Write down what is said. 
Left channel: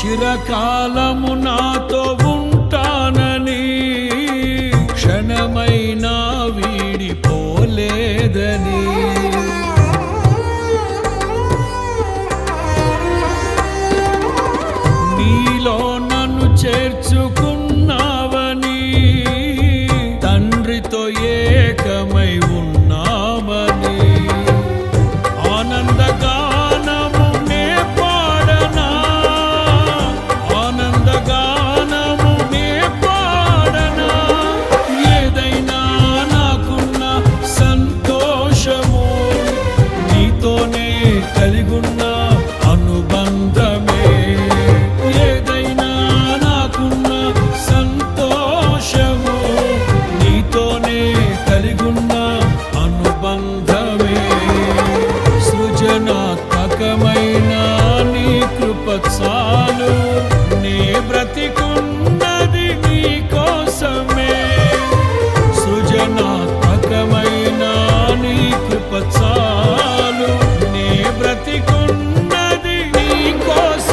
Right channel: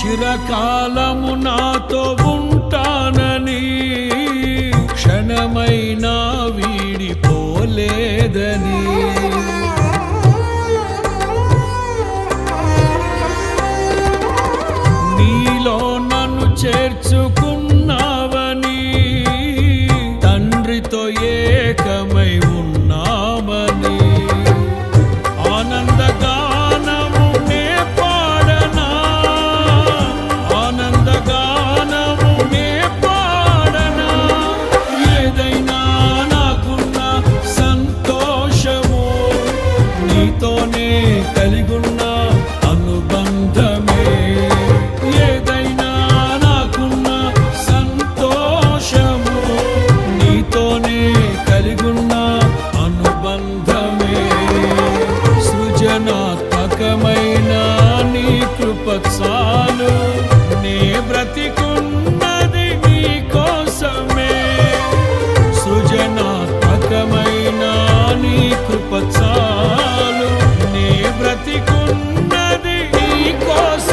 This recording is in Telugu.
చిరకాలము నాతో ఉంటానని క్షణమైనా వీడిపోలేదని నీలో నన్ను చేర్చుకున్నావని తండ్రితో ఏకమై ఉన్నామని ఆనందగానము నే పాడనా ఆనందగానము నే పాడనా ఏదైనా నాకున్న సంతోషము నీతోనే కలిగున్న అనుబంధమే ఏదైనా నాకున్న సంతోషము నీతోనే కలిగున్న అనుబంధమే సృజనాత్మకమైన నీ కృప చాలు నే బ్రతికున్నది నీ కోసమే సృజనాత్మకమైన నీ కృప చాలు నే బ్రతికున్నది నీ కోసం